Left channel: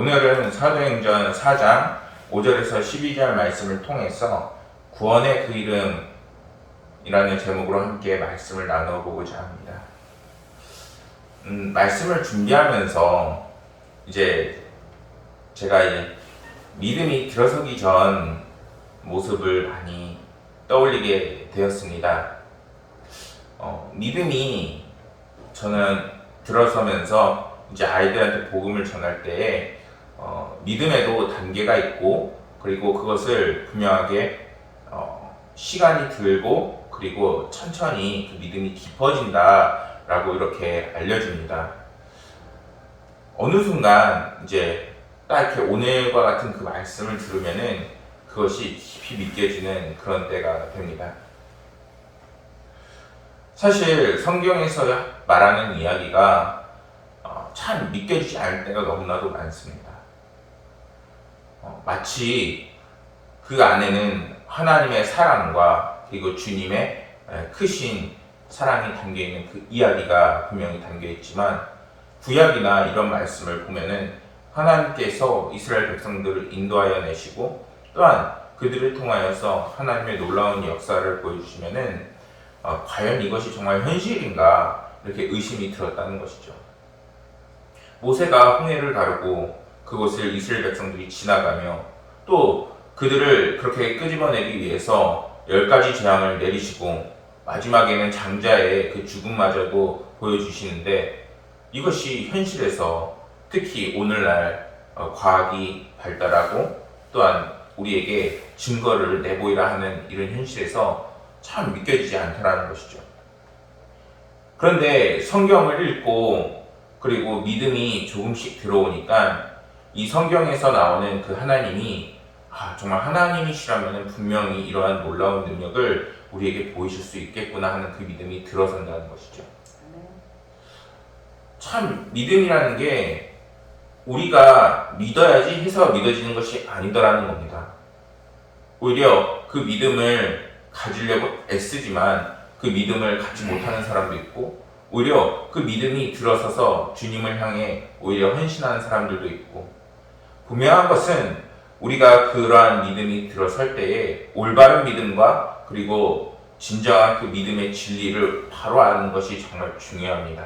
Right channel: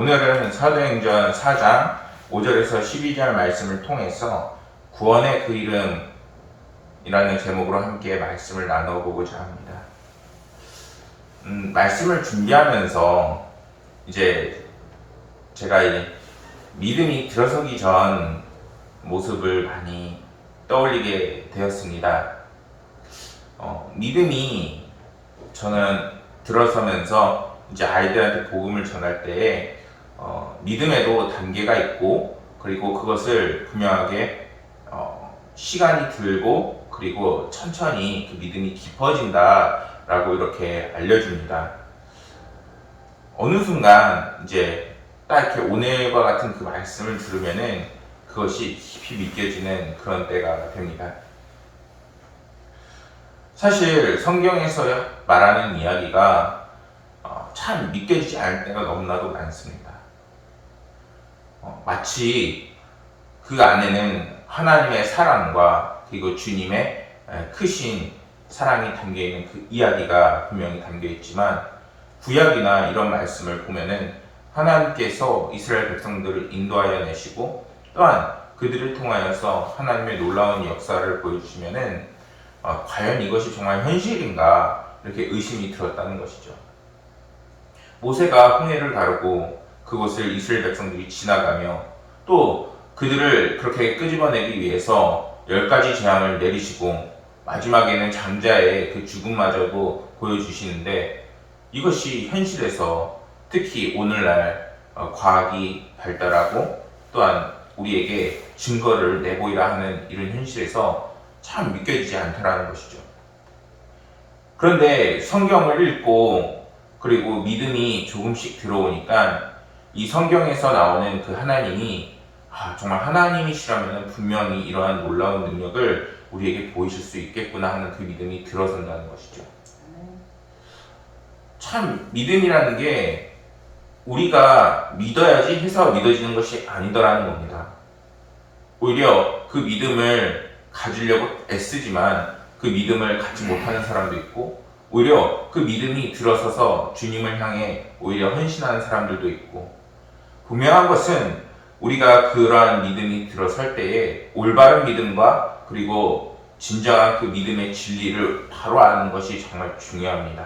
오늘은 사도행전 4장 5절에서 12절 말씀을 통해서 구원의 그 이름이라는 제목으로 함께 말씀을 나눠보고자 합니다. 말씀을 준비하면서 이제 제가 믿음이 들어서기 전 모습을 많이 떠올리게 되었습니다. 믿음이 저는 들어서면서 이제 아이들한테 복음을 전할 때에 믿음에도 단계가 있고, 그리고 그것을 분명하게 시간이 들고 그리고 천천히 그 믿음이 깊어진다라고 이렇게 알려줍니다. 어느 순간 이제 딱 이렇게 오늘과 같은 그 말씀을 들으면은 그것이 깊이 믿겨지는 그런 때가 됩니다. 사실 성경에서 말하는 이야기가 참 믿겨지지 않을 때가 너무나도 많습니다. 마치 그 안에는 하나님의 사랑과 그리고 주님의 크신 사랑이 담겨있는 그 이야기가 분명히 담겨있지만, 구약이나 이런 말씀을 보면은 하나님께서 이스라엘 백성들을 인도하여 내시고 또한 그들을 통하여서 하나님의 놀라운 역사를 보여주시면은 과연 이것이 정말 현실인가 이렇게 의심이 들었다는 것이죠. 모세가 홍해를 가르고 그곳을 이스라엘 백성들이 지나가며 또 그들을 그렇게 끄집어내기 위해서 10가지 재앙을 내리시고 마지막에는 장자의 그 죽음마저도 보여주시는데, 이것이 현실에서 특히 오늘날 과학이 발달하고 또한 우리에게 증거를 내보이라 하는 이런 현실에서 참 믿겨지지 않더라는 것이죠. 그런데 성경을 읽고 그리고 믿음이 조금씩 들어오니까 이 성경에서 나오는 그 하나님이 정말 하나님이시라면 분명히 이러한 놀라운 능력을 우리에게 보이실 수 있겠구나 하는 그 믿음이 들어선다는 것이죠. 참 믿음이라는 게 우리가 믿어야지 해서 믿어지는 것이 아니더라는 겁니다. 오히려 그 믿음을 가지려고 애쓰지만 그 믿음을 갖지 못하는 사람도 있고, 오히려 그 믿음이 들어서서 주님을 향해 오히려 헌신하는 사람들도 있고, 분명한 것은 우리가 그러한 믿음이 들어설 때에 올바른 믿음과 그리고 진정한 그 믿음의 진리를 바로 아는 것이 정말 중요합니다.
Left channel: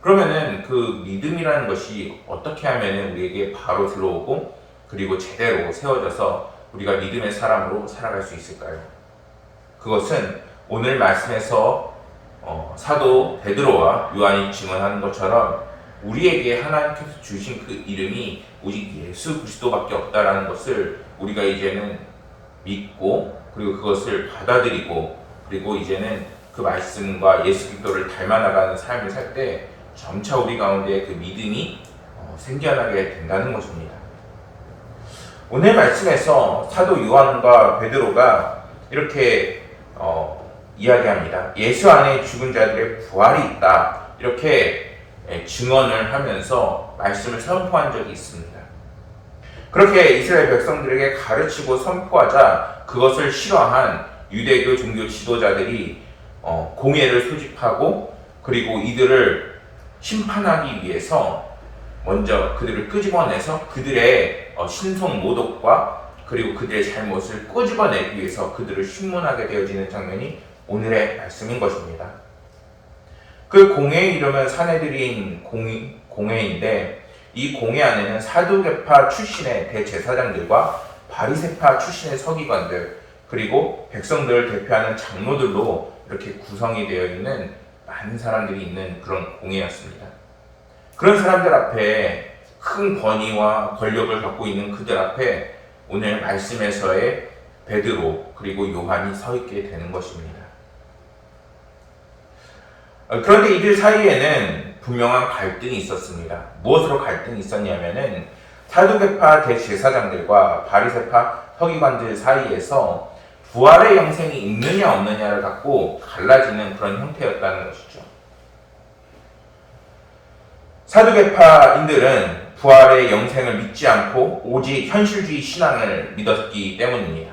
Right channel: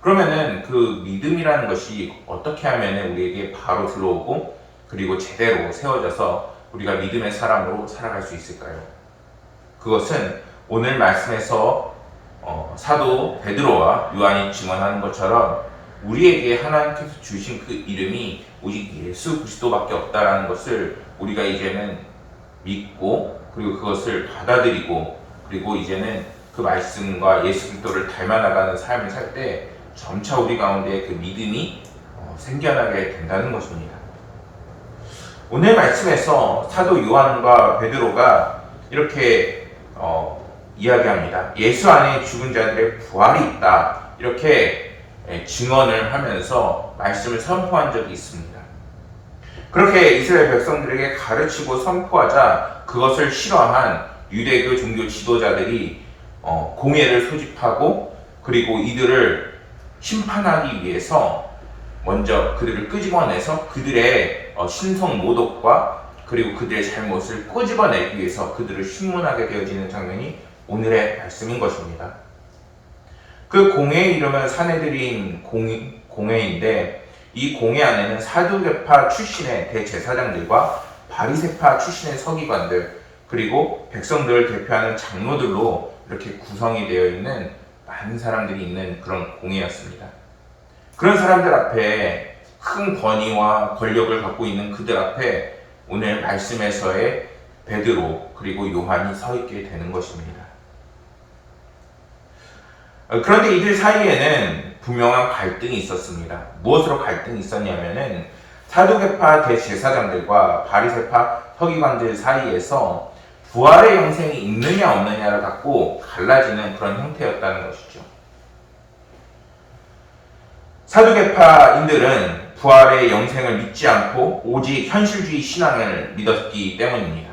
그러면은 그 믿음이라는 것이 어떻게 하면은 우리에게 바로 들어오고 그리고 제대로 세워져서 우리가 믿음의 사람으로 살아갈 수 있을까요? 그것은 오늘 말씀에서 사도 베드로와 요한이 증언하는 것처럼 우리에게 하나님께서 주신 그 이름이 오직 예수 그리스도밖에 없다라는 것을 우리가 이제는 믿고 그리고 그것을 받아들이고, 그리고 이제는 그 말씀과 예수 그리스도를 닮아나가는 삶을 살 때 점차 우리 가운데 그 믿음이 생겨나게 된다는 것입니다. 오늘 말씀에서 사도 요한과 베드로가 이렇게 이야기합니다. 예수 안에 죽은 자들의 부활이 있다, 이렇게 증언을 하면서 말씀을 선포한 적이 있습니다. 그렇게 이스라엘 백성들에게 가르치고 선포하자 그것을 싫어한 유대교 종교 지도자들이 공회를 소집하고 그리고 이들을 심판하기 위해서 먼저 그들을 끄집어내서 그들의 신성 모독과 그리고 그들의 잘못을 꼬집어내기 위해서 그들을 신문하게 되어지는 장면이 오늘의 말씀인 것입니다. 그 공회의 이름은 사내들인 공회인데, 이 공회 안에는 사두개파 출신의 대제사장들과 바리새파 출신의 서기관들, 그리고 백성들을 대표하는 장로들로 이렇게 구성이 되어 있는 많은 사람들이 있는 그런 공회였습니다. 그런 사람들 앞에 큰 권위와 권력을 갖고 있는 그들 앞에 오늘 말씀에서의 베드로 그리고 요한이 서 있게 되는 것입니다. 그런데 이들 사이에는 분명한 갈등이 있었습니다. 무엇으로 갈등이 있었냐면은 사두개파 대제사장들과 바리새파 서기관들 사이에서 부활의 영생이 있느냐 없느냐를 갖고 갈라지는 그런 형태였다는 것이죠. 사두개파인들은 부활의 영생을 믿지 않고 오직 현실주의 신앙을 믿었기 때문입니다.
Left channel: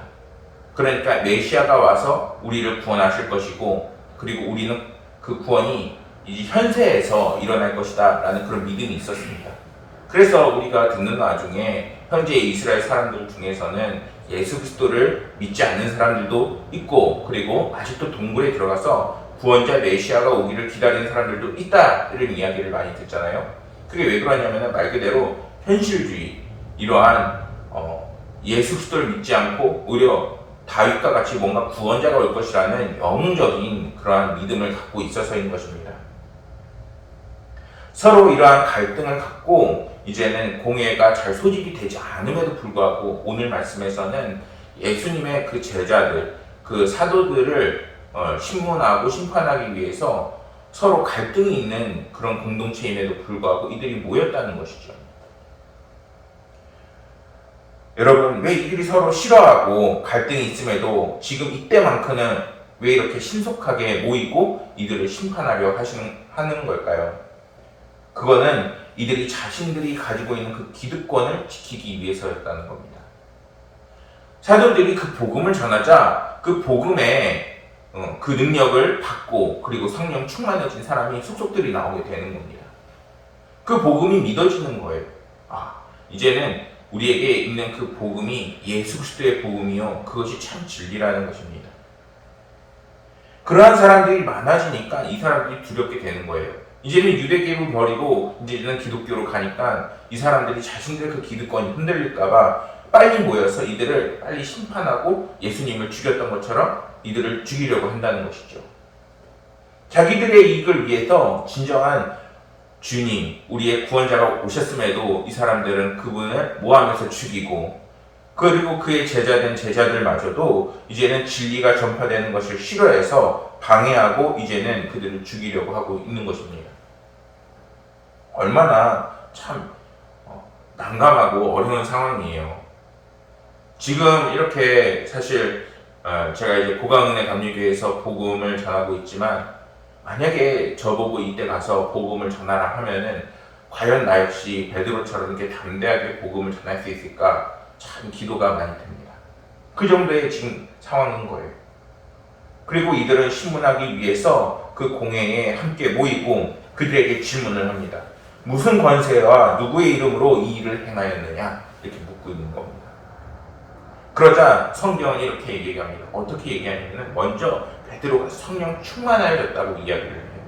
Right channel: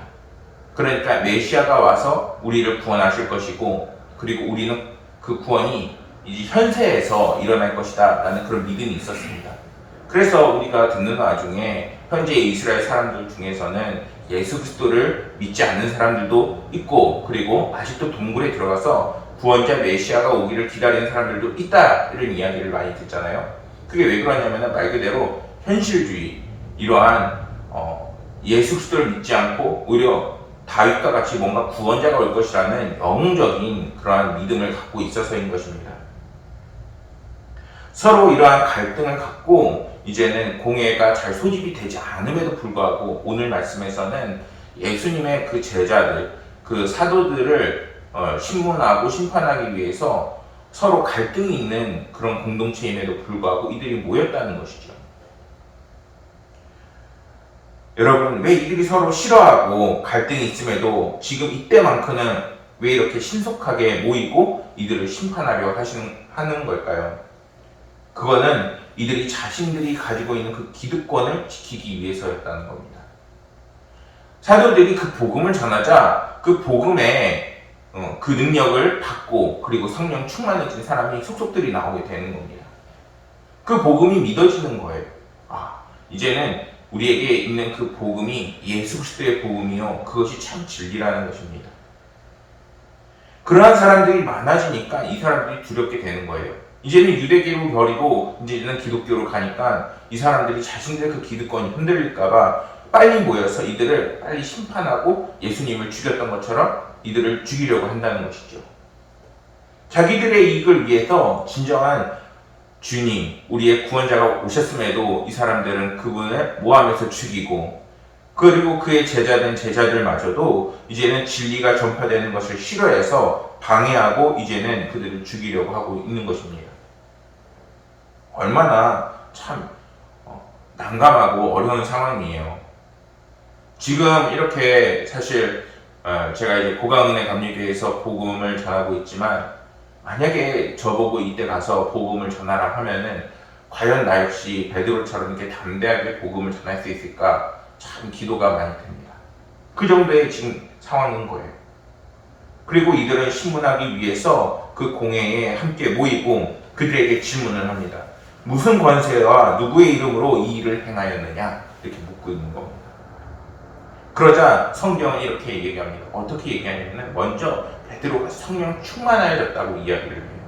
그러니까 메시아가 와서 우리를 구원하실 것이고, 그리고 우리는 그 구원이 이제 현세에서 일어날 것이다 라는 그런 믿음이 있었습니다. 그래서 우리가 듣는 와중에 현재 이스라엘 사람들 중에서는 예수 그리스도를 믿지 않는 사람들도 있고, 그리고 아직도 동굴에 들어가서 구원자 메시아가 오기를 기다리는 사람들도 있다, 이런 이야기를 많이 듣잖아요. 그게 왜 그러냐면 말 그대로 현실주의, 이러한 예수 그리스도를 믿지 않고 오히려 다윗과 같이 뭔가 구원자가 올 것이라는 영웅적인 그러한 믿음을 갖고 있어서인 것입니다. 서로 이러한 갈등을 갖고 이제는 공회가 잘 소집이 되지 않음에도 불구하고 오늘 말씀에서는 예수님의 그 제자들, 그 사도들을 신문하고 심판하기 위해서 서로 갈등이 있는 그런 공동체임에도 불구하고 이들이 모였다는 것이죠. 여러분, 왜 이들이 서로 싫어하고 갈등이 있음에도 지금 이때만큼은 왜 이렇게 신속하게 모이고 이들을 심판하려 하는 걸까요? 그거는 이들이 자신들이 가지고 있는 그 기득권을 지키기 위해서였다는 겁니다. 사도들이 그 복음을 전하자 그 복음에 그 능력을 받고 그리고 성령 충만해진 사람이 속속들이 나오게 되는 겁니다. 그 복음이 믿어지는 거예요. 이제는 우리에게 있는 그 복음이 예수 그리스도의 복음이요, 그것이 참 진리라는 것입니다. 그러한 사람들이 많아지니까 이 사람들이 두렵게 되는 거예요. 이제는 유대교를 버리고 이제는 기독교로 가니까 이 사람들이 자신들의 그 기득권이 흔들릴까봐 빨리 모여서 이들을 빨리 심판하고 예수님을 죽였던 것처럼 이들을 죽이려고 한다는 것이죠. 자기들의 이익을 위해서 진정한 주님, 우리의 구원자가 오셨음에도 이 사람들은 그분을 모함해서 죽이고, 그리고 그의 제자된 제자들마저도 이제는 진리가 전파되는 것을 싫어해서 방해하고 이제는 그들을 죽이려고 하고 있는 것입니다. 얼마나 참 난감하고 어려운 상황이에요. 지금 이렇게 사실 제가 이제 고강은혜 감리교회에서 복음을 전하고 있지만, 만약에 저보고 이때 가서 복음을 전하라 하면은 과연 나 역시 베드로처럼 이렇게 담대하게 복음을 전할 수 있을까 참 기도가 많이 됩니다. 그 정도의 지금 상황인 거예요. 그리고 이들은 신문하기 위해서 그 공회에 함께 모이고 그들에게 질문을 합니다. 무슨 권세와 누구의 이름으로 이 일을 행하였느냐? 이렇게 묻고 있는 겁니다. 그러자 성경은 이렇게 얘기합니다. 어떻게 얘기하냐면 먼저 베드로가 성령 충만하여졌다고 이야기를 해요.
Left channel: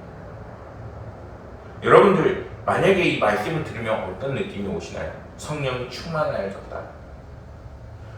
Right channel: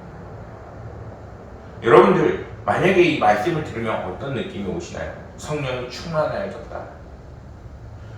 여러분들 만약에 이 말씀을 들으면 어떤 느낌이 오시나요? 성령이 충만하여졌다.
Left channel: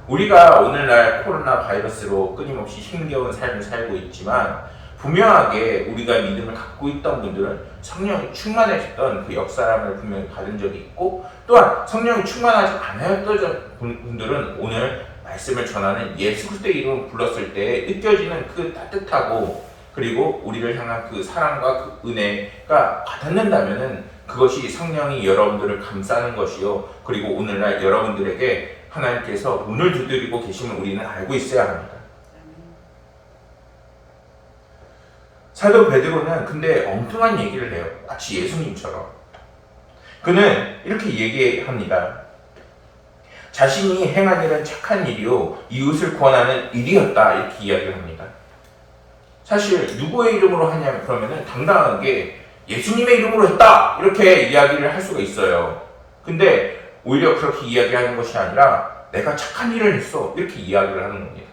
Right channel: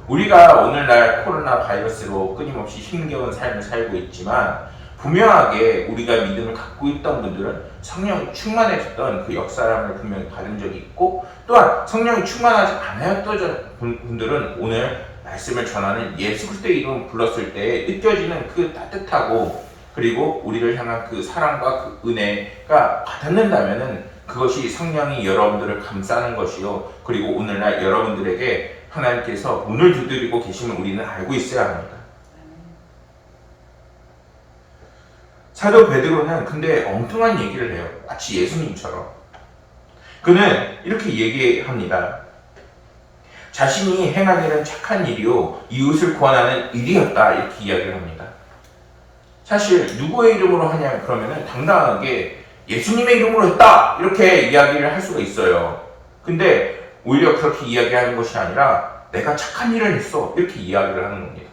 우리가 오늘날 코로나 바이러스로 끊임없이 힘겨운 삶을 살고 있지만 분명하게 우리가 믿음을 갖고 있던 분들은 성령이 충만해졌던 그 역사람을 분명히 받은 적이 있고, 또한 성령이 충만하지 않았던 분들은 오늘 말씀을 전하는 예수 그리스도의 이름을 불렀을 때 느껴지는 그 따뜻하고 그리고 우리를 향한 그 사랑과 그 은혜가 와닿는다면은 그것이 성령이 여러분들을 감싸는 것이요, 그리고 오늘날 여러분들에게 하나님께서 문을 두드리고 계심을 우리는 알고 있어야 합니다. 사도 베드로는 근데 엉뚱한 얘기를 해요. 마치 예수님처럼. 그는 이렇게 얘기합니다. 자신이 행한 일은 착한 일이요 이웃을 구원하는 일이었다, 이렇게 이야기를 합니다. 사실 누구의 이름으로 하냐 그러면은 당당하게 예수님의 이름으로 했다, 이렇게 이야기를 할 수가 있어요. 근데 오히려 그렇게 이야기하는 것이 아니라 내가 착한 일을 했어, 이렇게 이야기를 하는 겁니다.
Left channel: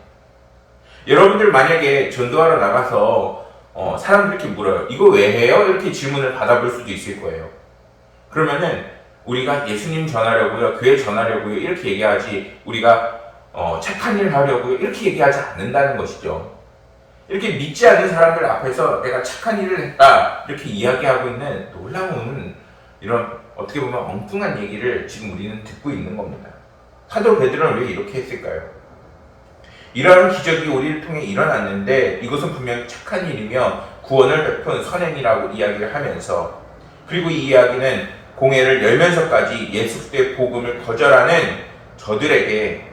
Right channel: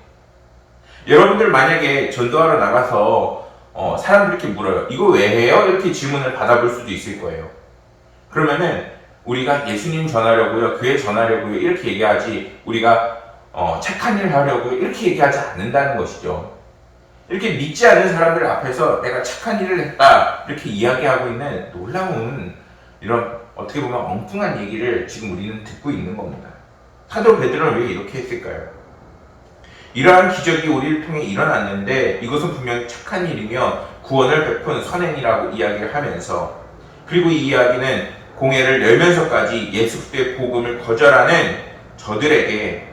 여러분들 만약에 전도하러 나가서 사람들이 이렇게 물어요. 이거 왜 해요? 이렇게 질문을 받아볼 수도 있을 거예요. 그러면은 우리가 예수님 전하려고요, 교회 전하려고요, 이렇게 얘기하지 우리가 착한 일 하려고요, 이렇게 얘기하지 않는다는 것이죠. 이렇게 믿지 않는 사람들 앞에서 내가 착한 일을 했다, 이렇게 이야기하고 있는 놀라운 이런 어떻게 보면 엉뚱한 얘기를 지금 우리는 듣고 있는 겁니다. 사도 베드로는 왜 이렇게 했을까요? 이러한 기적이 우리를 통해 일어났는데 이것은 분명히 착한 일이며 구원을 베푼 선행이라고 이야기를 하면서, 그리고 이 이야기는 공회를 열면서까지 예수 그리스도의 복음을 거절하는 저들에게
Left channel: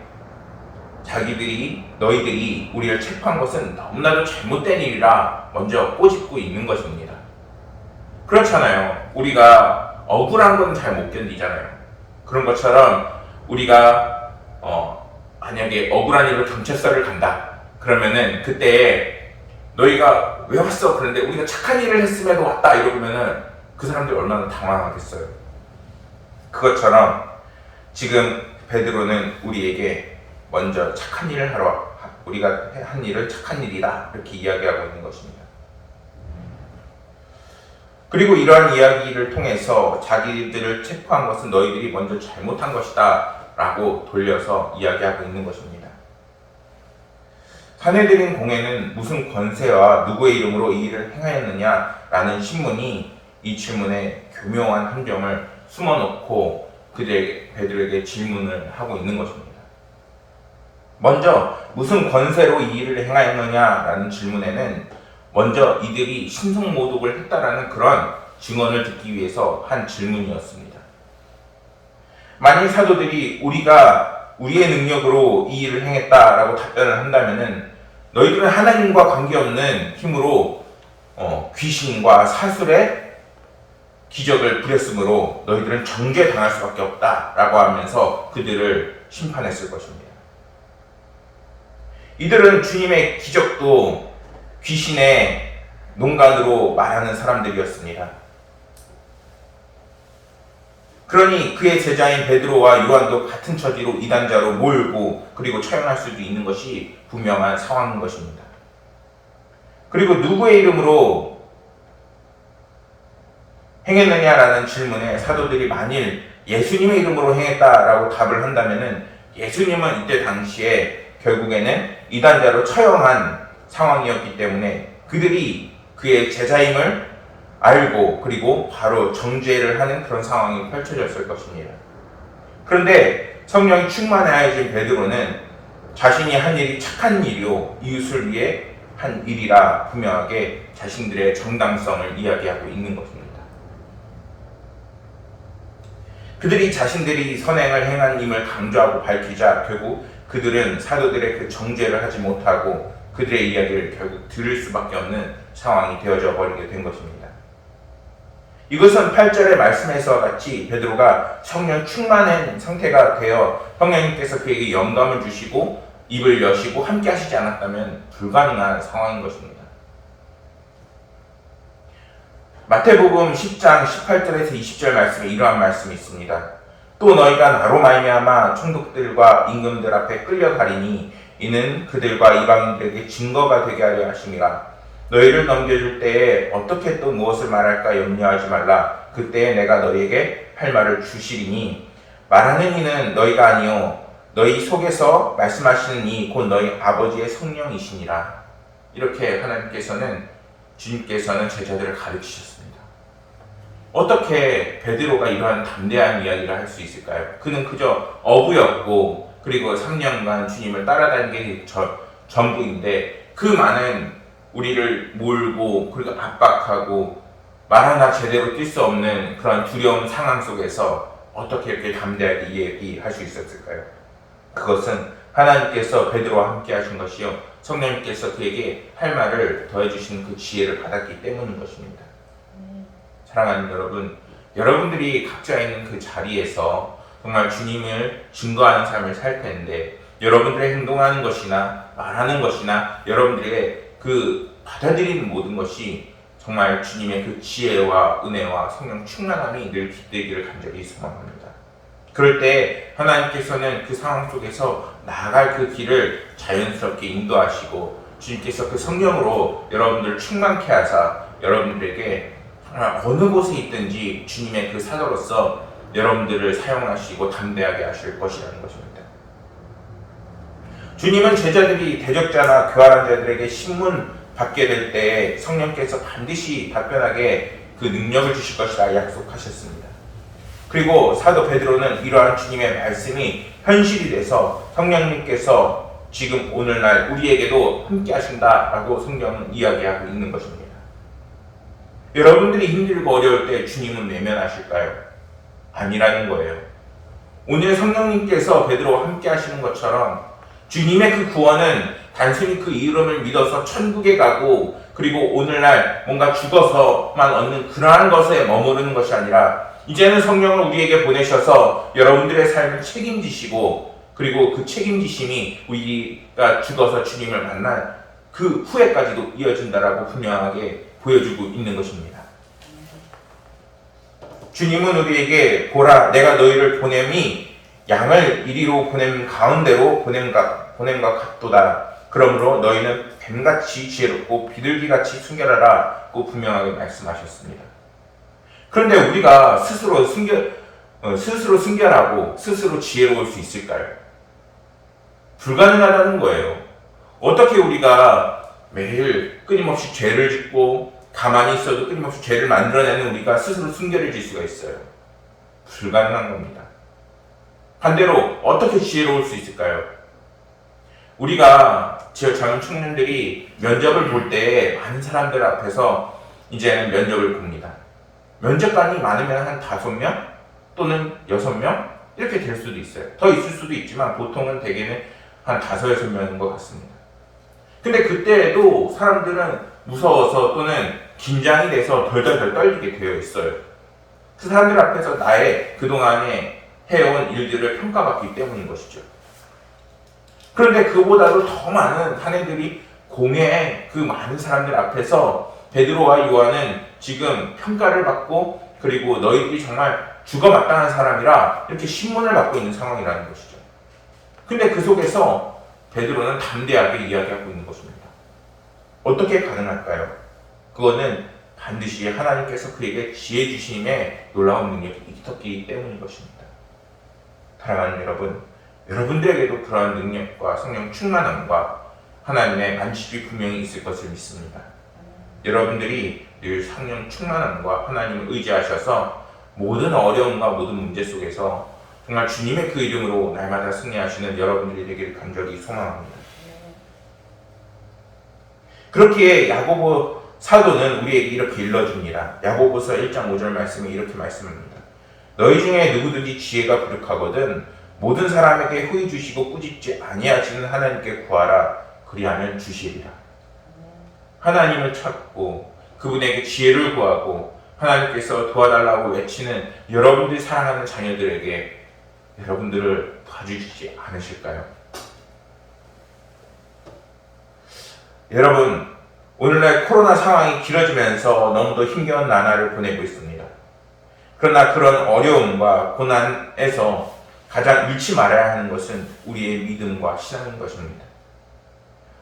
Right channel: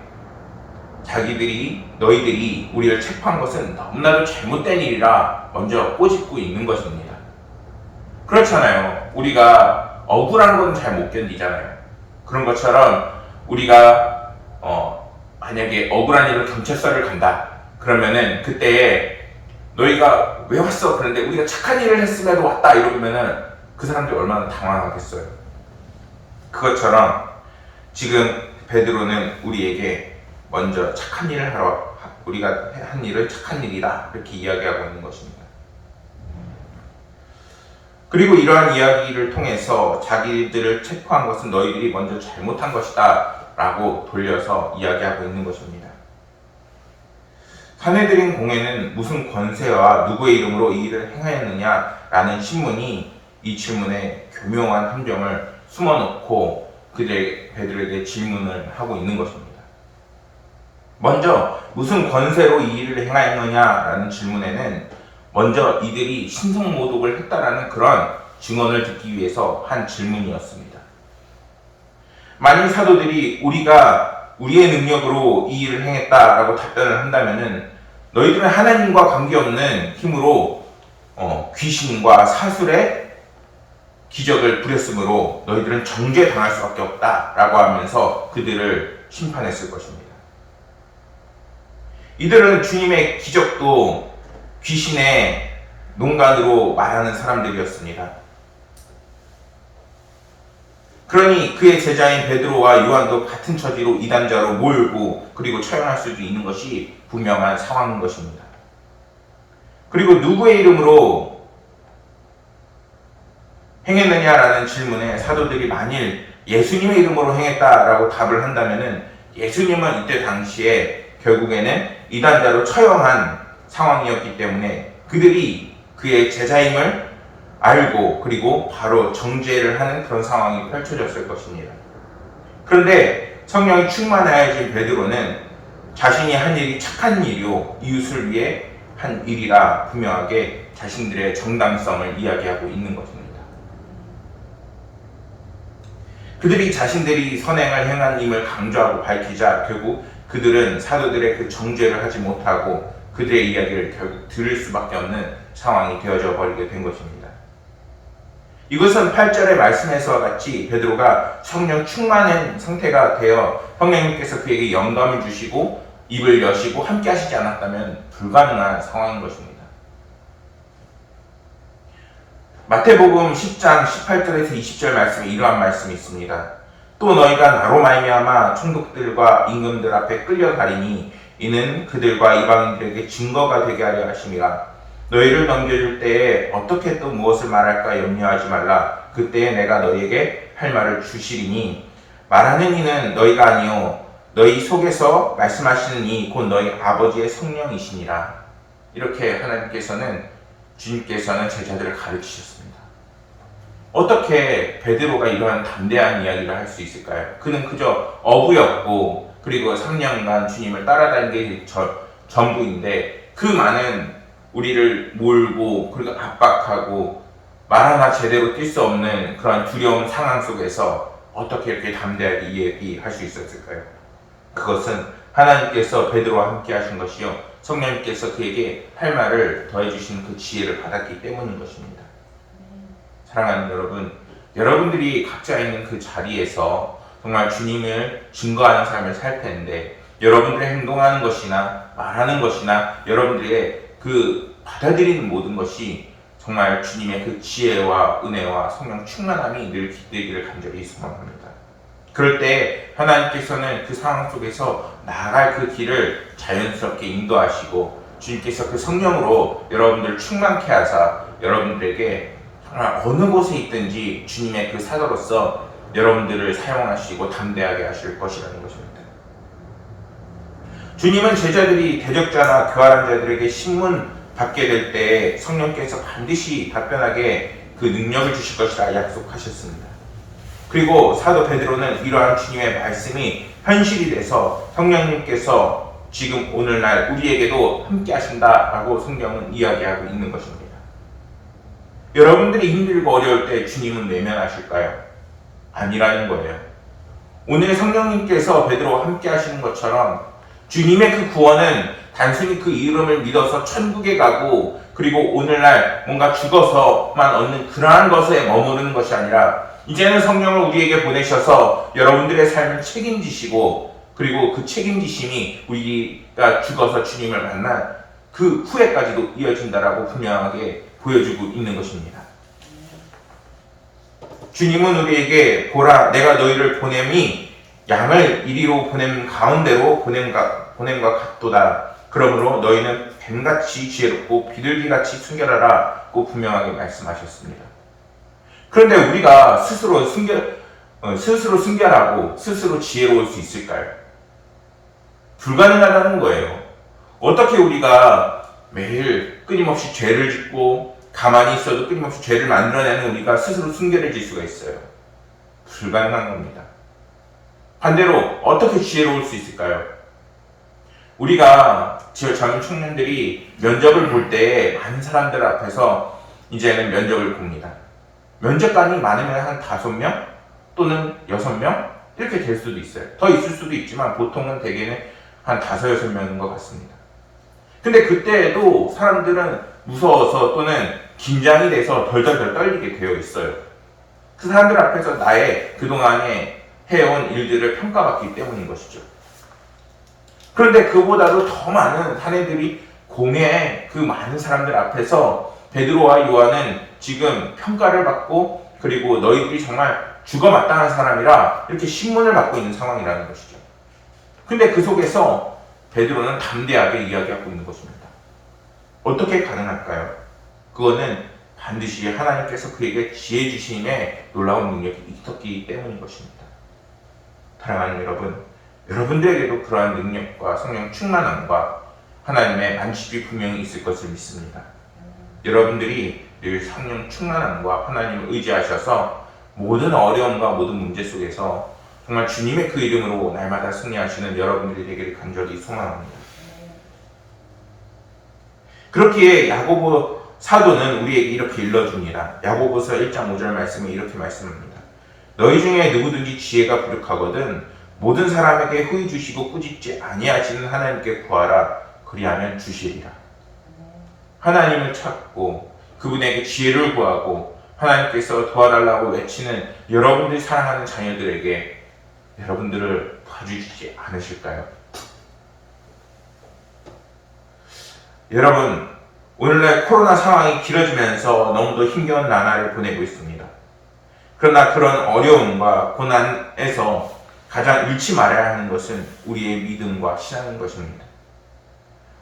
너희들이 우리를 체포한 것은 너무나도 잘못된 일이라 먼저 꼬집고 있는 것입니다. 그렇잖아요. 우리가 억울한 건 잘 못 견디잖아요. 그런 것처럼 우리가 만약에 억울한 일로 경찰서를 간다 그러면은 그때 너희가 왜 왔어? 그런데 우리가 착한 일을 했음에도 왔다 이러면은 그 사람들이 얼마나 당황하겠어요. 그것처럼 지금 베드로는 우리에게 먼저 착한 일을 하러, 우리가 한 일은 착한 일이다, 이렇게 이야기하고 있는 것입니다. 그리고 이러한 이야기를 통해서 자기들을 체포한 것은 너희들이 먼저 잘못한 것이다 라고 돌려서 이야기하고 있는 것입니다. 사내들인 공회는 무슨 권세와 누구의 이름으로 이 일을 행하였느냐 라는 신문이 이 질문에 교묘한 함정을 숨어놓고 베드로에게 질문을 하고 있는 것입니다. 먼저 무슨 권세로 이 일을 행하였느냐라는 질문에는 먼저 이들이 신성모독을 했다라는 그런 증언을 듣기 위해서 한 질문이었습니다. 만일 사도들이 우리가 우리의 능력으로 이 일을 행했다라고 답변을 한다면은 너희들은 하나님과 관계없는 힘으로 귀신과 사술의 기적을 부렸으므로 너희들은 정죄당할 수밖에 없다라고 하면서 그들을 심판했을 것입니다. 이들은 주님의 기적도 귀신의 농간으로 말하는 사람들이었습니다. 그러니 그의 제자인 베드로와 요한도 같은 처지로 이단자로 몰고 그리고 처형할 수도 있는 것이 분명한 상황인 것입니다. 그리고 누구의 이름으로 행했느냐라는 질문에 사도들이 만일 예수님의 이름으로 행했다라고 답을 한다면은 예수님은 이때 당시에 결국에는 이단자로 처형한 상황이었기 때문에 그들이 그의 제자임을 알고 그리고 바로 정죄를 하는 그런 상황이 펼쳐졌을 것입니다. 그런데 성령이 충만하여진 베드로는 자신이 한 일이 착한 일이요 이웃을 위해 한 일이라 분명하게 자신들의 정당성을 이야기하고 있는 것입니다. 그들이 자신들이 선행을 행한 임을 강조하고 밝히자 결국 그들은 사도들의 그 정죄를 하지 못하고 그들의 이야기를 결국 들을 수밖에 없는 상황이 되어져 버리게 된 것입니다. 이것은 8절의 말씀에서와 같이 베드로가 성령 충만한 상태가 되어 성령님께서 그에게 영감을 주시고 입을 여시고 함께 하시지 않았다면 불가능한 상황인 것입니다. 마태복음 10장 18절에서 20절 말씀에 이러한 말씀이 있습니다. 또 너희가 나로 말미암아 총독들과 임금들 앞에 끌려가리니 이는 그들과 이방인들에게 증거가 되게 하려 하심이라. 너희를 넘겨줄 때에 어떻게 또 무엇을 말할까 염려하지 말라. 그때에 내가 너희에게 할 말을 주시리니 말하는 이는 너희가 아니요 너희 속에서 말씀하시는 이 곧 너희 아버지의 성령이시니라. 이렇게 하나님께서는 주님께서는 제자들을 가르치셨습니다. 어떻게 베드로가 이러한 담대한 이야기를 할 수 있을까요? 그는 그저 어부였고 그리고 3년간 주님을 따라다닌 게 전부인데 그 많은 우리를 몰고 그리고 압박하고 말 하나 제대로 뛸 수 없는 그런 두려운 상황 속에서 어떻게 이렇게 담대하게 얘기할 수 있었을까요? 그것은 하나님께서 베드로와 함께 하신 것이요 성령님께서 그에게 할 말을 더해주시는 그 지혜를 받았기 때문인 것입니다. 사랑하는 여러분, 여러분들이 각자 있는 그 자리에서 정말 주님을 증거하는 삶을 살 텐데 여러분들의 행동하는 것이나 말하는 것이나 여러분들의 그 받아들이는 모든 것이 정말 주님의 그 지혜와 은혜와 성령 충만함이 늘 깃들기를 간절히 소망합니다. 그럴 때 하나님께서는 그 상황 속에서 나아갈 그 길을 자연스럽게 인도하시고 주님께서 그 성령으로 여러분들을 충만케 하사 여러분들에게 정말 어느 곳에 있든지 주님의 그 사도로서 여러분들을 사용하시고 담대하게 하실 것이라는 것입니다. 주님은 제자들이 대적자나 교활한 자들에게 신문 받게 될 때 성령께서 반드시 답변하게 그 능력을 주실 것이라 약속하셨습니다. 그리고 사도 베드로는 이러한 주님의 말씀이 현실이 돼서 성령님께서 지금 오늘날 우리에게도 함께 하신다라고 성경은 이야기하고 있는 것입니다. 여러분들이 힘들고 어려울 때 주님은 외면하실까요? 아니라는 거예요. 오늘 성령님께서 베드로와 함께 하시는 것처럼 주님의 그 구원은 단순히 그 이름을 믿어서 천국에 가고 그리고 오늘날 뭔가 죽어서만 얻는 그러한 것에 머무르는 것이 아니라 이제는 성령을 우리에게 보내셔서 여러분들의 삶을 책임지시고 그리고 그 책임지심이 우리가 죽어서 주님을 만날 그 후에까지도 이어진다라고 분명하게 보여주고 있는 것입니다. 주님은 우리에게 보라 내가 너희를 보냄이 양을 이리로 보냄 가운데로 보냄과 같도다. 그러므로 너희는 뱀같이 지혜롭고 비둘기같이 순결하라고 분명하게 말씀하셨습니다. 그런데 우리가 스스로 순결하고 스스로 지혜로울 수 있을까요? 불가능하다는 거예요. 어떻게 우리가 매일 끊임없이 죄를 짓고 가만히 있어도 끊임없이 죄를 만들어내는 우리가 스스로 순결해질 수가 있어요? 불가능한 겁니다. 반대로 어떻게 지혜로울 수 있을까요? 우리가 젊은 청년들이 면접을 볼 때 많은 사람들 앞에서 이제는 면접을 봅니다. 면접관이 많으면 한 5명 또는 6명 이렇게 될 수도 있어요. 더 있을 수도 있지만 보통은 대개는 한 5, 6명인 것 같습니다. 근데 그때에도 사람들은 무서워서 또는 긴장이 돼서 덜덜덜 떨리게 되어 있어요. 그 사람들 앞에서 나의 그동안에 해온 일들을 평가받기 때문인 것이죠. 그런데 그보다도 더 많은 사내들이 공회에 그 많은 사람들 앞에서 베드로와 요한은 지금 평가를 받고 그리고 너희들이 정말 죽어마땅한 사람이라 이렇게 신문을 받고 있는 상황이라는 것이죠. 근데 그 속에서 베드로는 담대하게 이야기하고 있는 것입니다. 어떻게 가능할까요? 그거는 반드시 하나님께서 그에게 지혜 주심의 놀라운 능력이 있었기 때문인 것입니다. 사랑하는 여러분, 여러분들에게도 그러한 능력과 성령 충만함과 하나님의 반칙이 분명히 있을 것을 믿습니다. 여러분들이 늘 성령 충만함과 하나님을 의지하셔서 모든 어려움과 모든 문제 속에서 정말 주님의 그 이름으로 날마다 승리하시는 여러분들이 되기를 간절히 소망합니다. 그렇기에 야고보 사도는 우리에게 이렇게 일러줍니다. 야고보서 1장 5절 말씀에 이렇게 말씀합니다. 너희 중에 누구든지 지혜가 부족하거든 모든 사람에게 후히 주시고 꾸짖지 아니하시는 하나님께 구하라. 그리하면 주시리라. 하나님을 찾고 그분에게 지혜를 구하고 하나님께서 도와달라고 외치는 여러분들이 사랑하는 자녀들에게 여러분들을 도와주시지 않으실까요? 여러분, 오늘날 코로나 상황이 길어지면서 너무도 힘겨운 나날을 보내고 있습니다. 그러나 그런 어려움과 고난에서 가장 잃지 말아야 하는 것은 우리의 믿음과 신앙인 것입니다.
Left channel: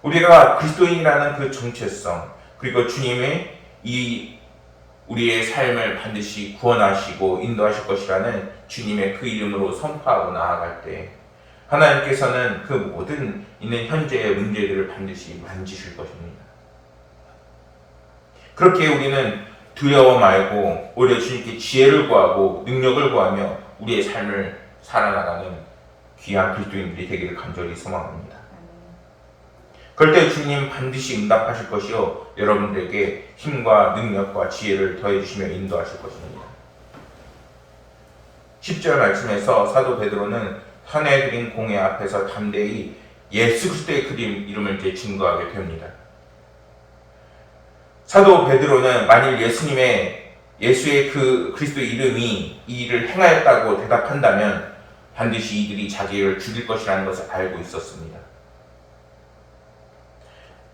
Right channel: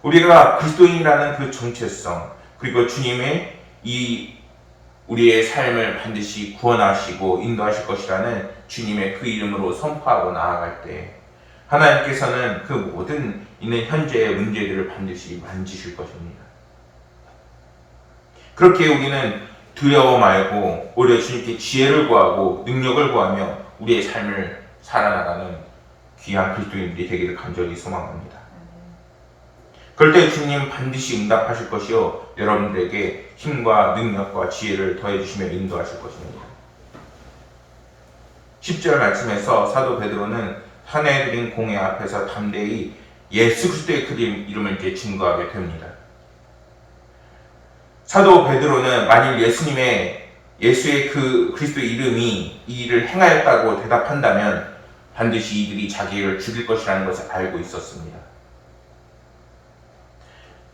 우리가 그리스도인이라는 그 정체성, 그리고 주님의 우리의 삶을 반드시 구원하시고 인도하실 것이라는 주님의 그 이름으로 선포하고 나아갈 때 하나님께서는 그 모든 있는 현재의 문제들을 반드시 만지실 것입니다. 그렇게 우리는 두려워 말고 오히려 주님께 지혜를 구하고 능력을 구하며 우리의 삶을 살아나가는 귀한 그리스도인들이 되기를 간절히 소망합니다. 그럴 때 주님 반드시 응답하실 것이요 여러분들에게 힘과 능력과 지혜를 더해주시며 인도하실 것입니다. 10절 말씀에서 사도 베드로는 산에 들인 공회 앞에서 담대히 예수 그리스도의 그 이름을 이제 증거하게 됩니다. 사도 베드로는 만일 예수의 그 그리스도의 이름이 이 일을 행하였다고 대답한다면 반드시 이들이 자기를 죽일 것이라는 것을 알고 있었습니다.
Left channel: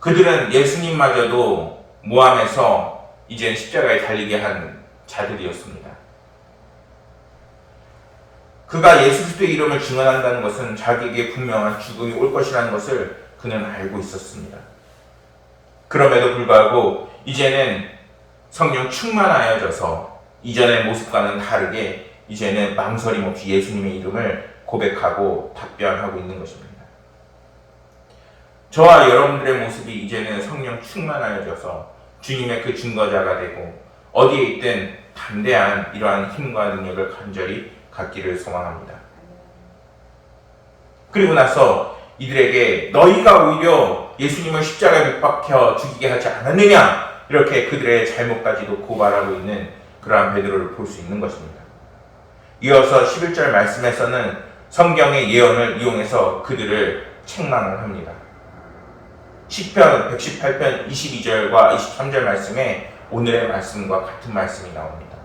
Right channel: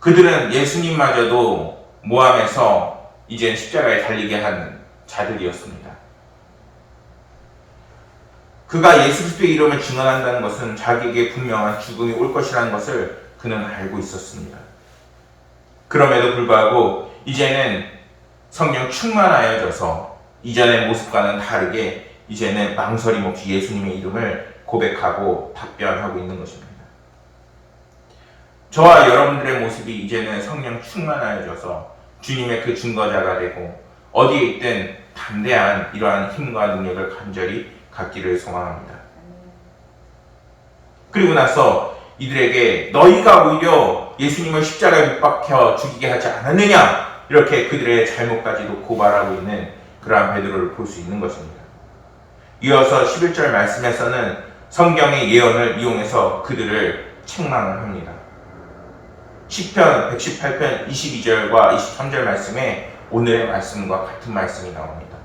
그들은 예수님마저도 모함해서 이제 십자가에 달리게 한 자들이었습니다. 그가 예수 그리스도의 이름을 증언한다는 것은 자기에게 분명한 죽음이 올 것이라는 것을 그는 알고 있었습니다. 그럼에도 불구하고 이제는 성령 충만하여져서 이전의 모습과는 다르게 이제는 망설임 없이 예수님의 이름을 고백하고 답변하고 있는 것입니다. 저와 여러분들의 모습이 이제는 성령 충만하여져서 주님의 그 증거자가 되고 어디에 있든 담대한 이러한 힘과 능력을 간절히 갖기를 소망합니다. 그리고 나서 이들에게 너희가 오히려 예수님을 십자가에 못 박혀 죽이게 하지 않았느냐 이렇게 그들의 잘못까지도 고발하고 있는 그러한 베드로를 볼 수 있는 것입니다. 이어서 11절 말씀에서는 성경의 예언을 이용해서 그들을 책망을 합니다. 시편 118편 22절과 23절 말씀에 오늘의 말씀과 같은 말씀이 나옵니다.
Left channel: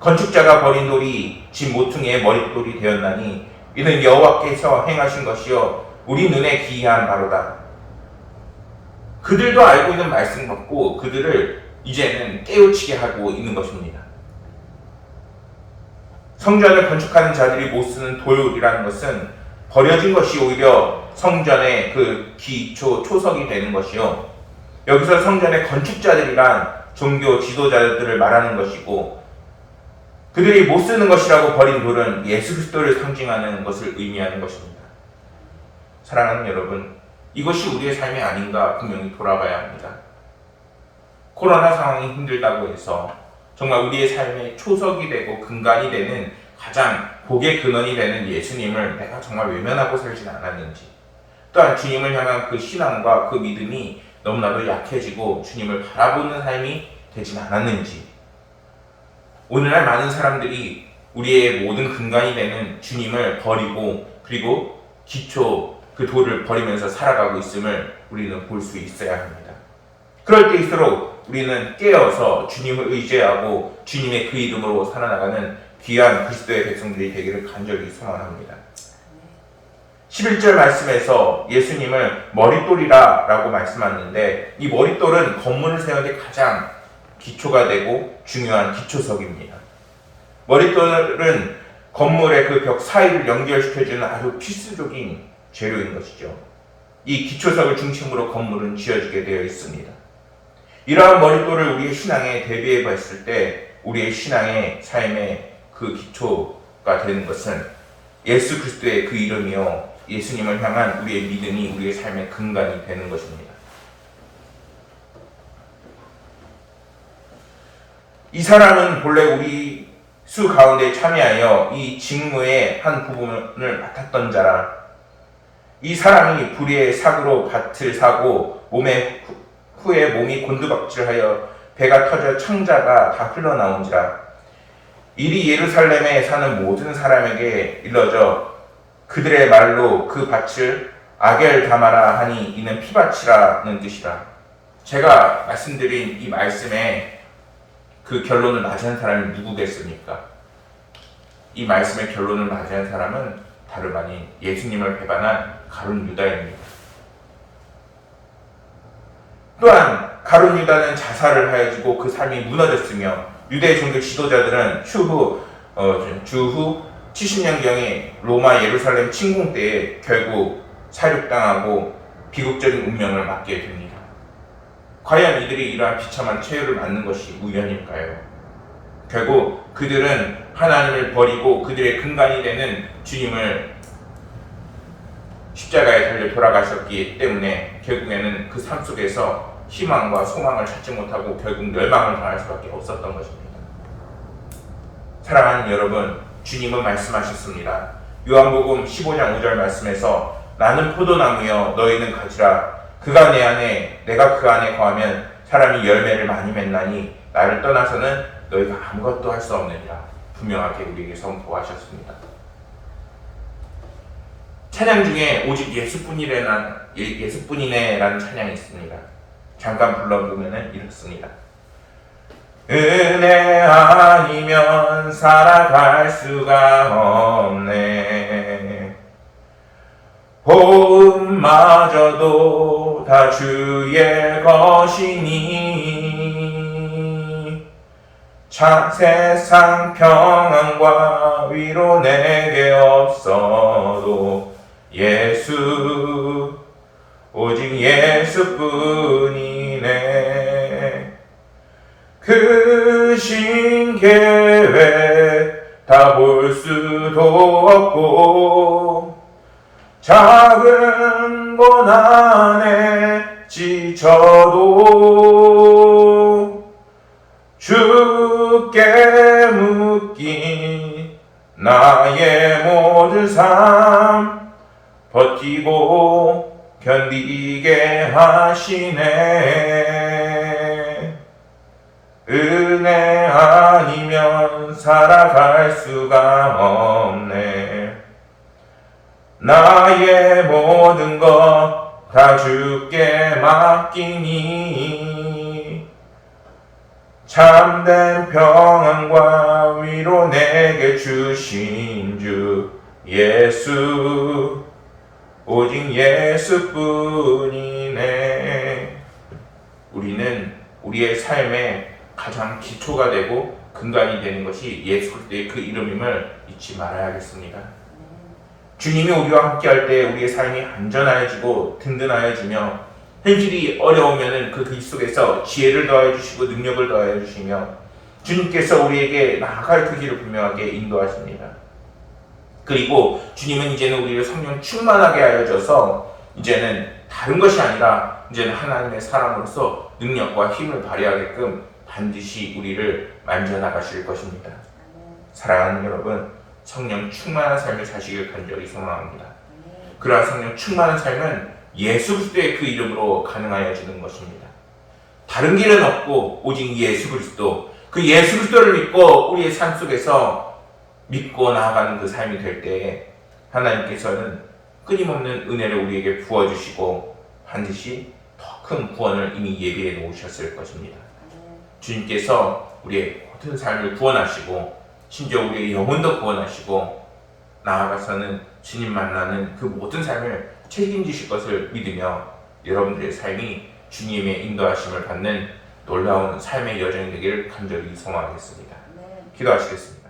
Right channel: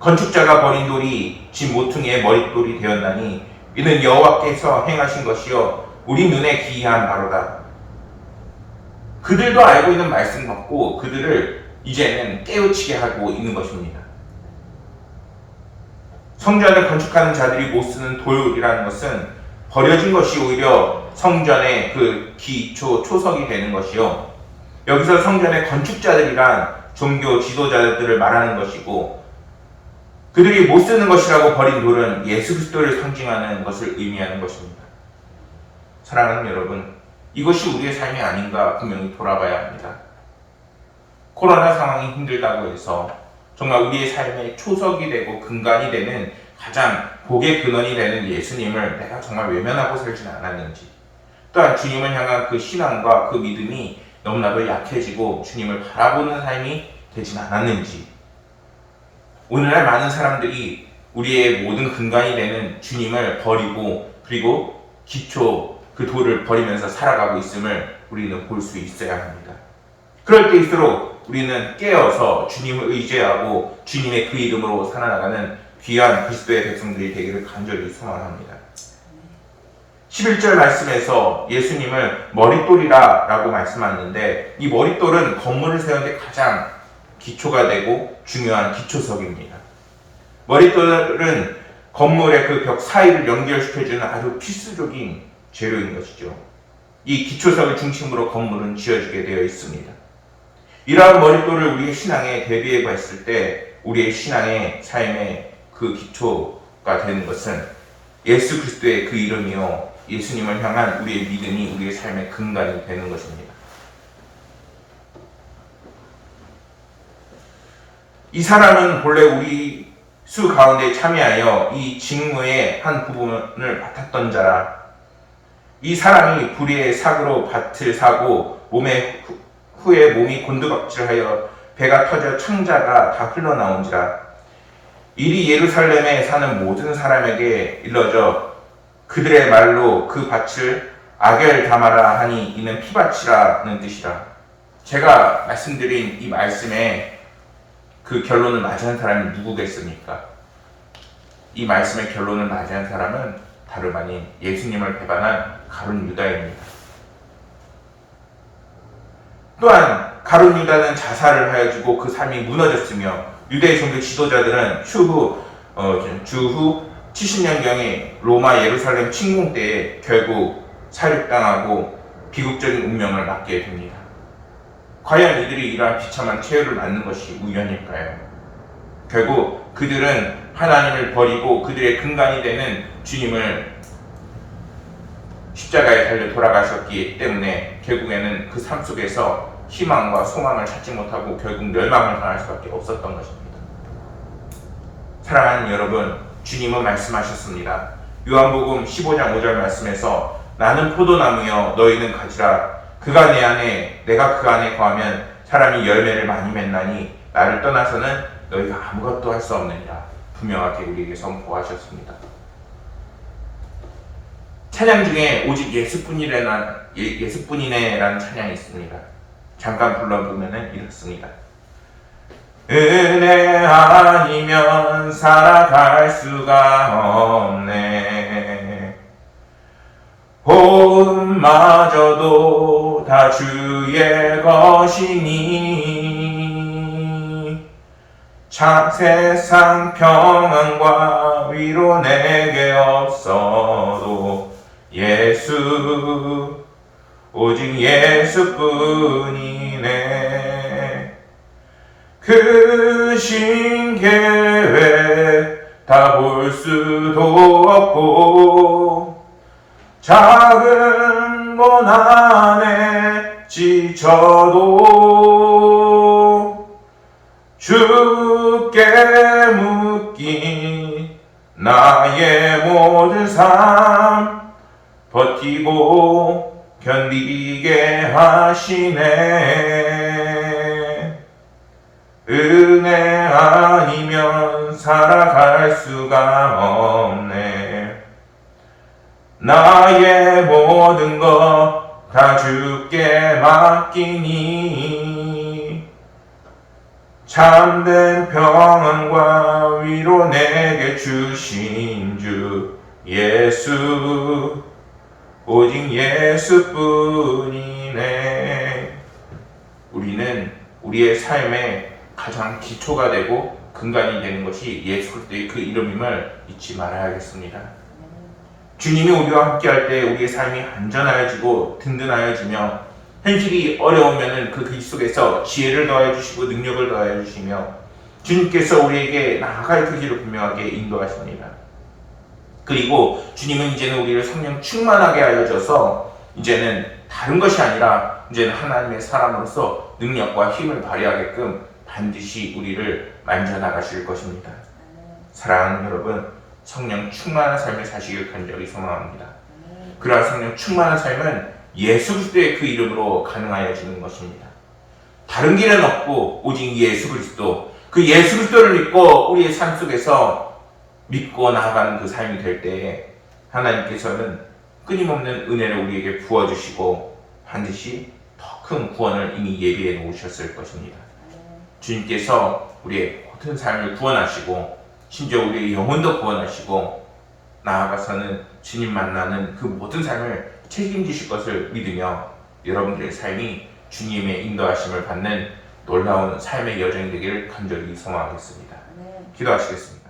건축자가 버린 돌이 집 모퉁이의 머릿돌이 되었나니 이는 여호와께서 행하신 것이요 우리 눈에 기이한 바로다. 그들도 알고 있는 말씀 같고 그들을 이제는 깨우치게 하고 있는 것입니다. 성전을 건축하는 자들이 못 쓰는 돌이라는 것은 버려진 것이 오히려 성전의 그 기초 초석이 되는 것이요. 여기서 성전의 건축자들이란 종교 지도자들을 말하는 것이고, 그들이 못 쓰는 것이라고 버린 돌은 예수 그리스도를 상징하는 것을 의미하는 것입니다. 사랑하는 여러분, 이것이 우리의 삶이 아닌가 분명히 돌아봐야 합니다. 코로나 상황이 힘들다고 해서 정말 우리의 삶의 초석이 되고 근간이 되는 가장 복의 근원이 되는 예수님을 내가 정말 외면하고 살지는 않았는지, 또한 주님을 향한 그 신앙과 그 믿음이 너무나도 약해지고 주님을 바라보는 삶이 되진 않았는지, 오늘날 많은 사람들이 우리의 모든 근간이 되는 주님을 버리고 그리고 기초 그 돌을 버리면서 살아가고 있음을 우리는 볼 수 있어야 합니다. 그럴 때일수록 우리는 깨어서 주님을 의지하고 주님의 그 이름으로 살아나가는 귀한 그리스도의 백성들이 되기를 간절히 소망합니다. 11절 말씀에서 예수님을 머릿돌이라 라고 말씀하는데, 이 머릿돌은 건물을 세우는데 가장 기초가 되고 중요한 기초석입니다. 머릿돌은 건물의 그 벽 사이를 연결시켜주는 아주 필수적인 재료인 것이죠. 이 기초석을 중심으로 건물은 지어지게 되어 있습니다. 이러한 머릿돌을 우리의 신앙에 대비해 봤을 때 우리의 신앙의 삶의 그 기초가 되는 것은 예수 그리스도의 그 이름이요, 예수님을 향한 우리의 믿음이 우리의 삶의 근간이 되는 것입니다. 이 사람은 본래 우리 수 가운데 참여하여 이 직무의 한 부분을 맡았던 자라. 이 사람이 불의의 사고로 밭을 사고 후에 몸이 곤두박질하여 배가 터져 창자가 다 흘러나온지라. 이리 예루살렘에 사는 모든 사람에게 일러져 그들의 말로 그 밭을 아겔다마라 하니 이는 피밭이라는 뜻이라. 제가 말씀드린 이 말씀에 그 결론을 맞이한 사람이 누구겠습니까? 이 말씀의 결론을 맞이한 사람은 다름 아닌 예수님을 배반한 가룟 유다입니다. 또한 가룟 유다는 자살을 하여지고 그 삶이 무너졌으며, 유대 종교 지도자들은 주후 70년경에 로마 예루살렘 침공 때에 결국 사륙당하고 비극적인 운명을 맞게 됩니다. 과연 이들이 이러한 비참한 최후를 맞는 것이 우연일까요? 결국 그들은 하나님을 버리고 그들의 근간이 되는 주님을 십자가에 달려 돌아가셨기 때문에 결국에는 그 삶 속에서 희망과 소망을 찾지 못하고 결국 멸망을 당할 수밖에 없었던 것입니다. 사랑하는 여러분, 주님은 말씀하셨습니다. 요한복음 15장 5절 말씀에서 나는 포도나무여 너희는 가지라. 그가 내 안에 내가 그 안에 거하면 사람이 열매를 많이 맺나니 나를 떠나서는 너희가 아무것도 할 수 없느니라. 분명하게 우리에게 선포하셨습니다. 찬양 중에 오직 예수뿐이네라는 찬양이 있습니다. 잠깐 불러보면 이렇습니다. 은혜 아니면 살아갈 수가 없네. 호흡마저도 다 주의 것이니 세상 평안과 위로 내게 없어도 예수, 오직 예수뿐이네. 그 신계획 다 볼 수도 없고 작은 건 안에 지쳐도 주께 묶인 나의 모든 삶 버티고 견디게 하시네. 은혜 아니면 살아갈 수가 없네. 나의 모든 것 다 주께 맡기니 참된 평안과 위로 내게 주신 주 예수, 오직 예수뿐이네. 우리는 우리의 삶의 가장 기초가 되고 근간이 되는 것이 예수 그리스도의 그 이름임을 잊지 말아야겠습니다. 주님이 우리와 함께할 때 우리의 삶이 안전하여지고 든든하여지며 현실이 어려우면 그 길 속에서 지혜를 더하여 주시고 능력을 더하여 주시며 주님께서 우리에게 나아갈 그 길을 분명하게 인도하십니다. 그리고 주님은 이제는 우리를 성령 충만하게 하여줘서 이제는 다른 것이 아니라 이제는 하나님의 사람으로서 능력과 힘을 발휘하게끔 반드시 우리를 만져나가실 것입니다. 사랑하는 여러분, 성령 충만한 삶을 사시길 간절히 소망합니다. 그러한 성령 충만한 삶은 예수 그리스도의 그 이름으로 가능하여지는 것입니다. 다른 길은 없고 오직 예수 그리스도, 그 예수 그리스도를 믿고 우리의 삶 속에서 믿고 나아가는 그 삶이 될 때에 하나님께서는 끊임없는 은혜를 우리에게 부어주시고 반드시 더 큰 구원을 이미 예비해 놓으셨을 것입니다. 주님께서 우리의 모든 삶을 구원하시고 심지어 우리의 영혼도 구원하시고 나아가서는 주님 만나는 그 모든 삶을 책임지실 것을 믿으며 여러분들의 삶이 주님의 인도하심을 받는 놀라운 삶의 여정이 되기를 간절히 소망하겠습니다. 기도하시겠습니다.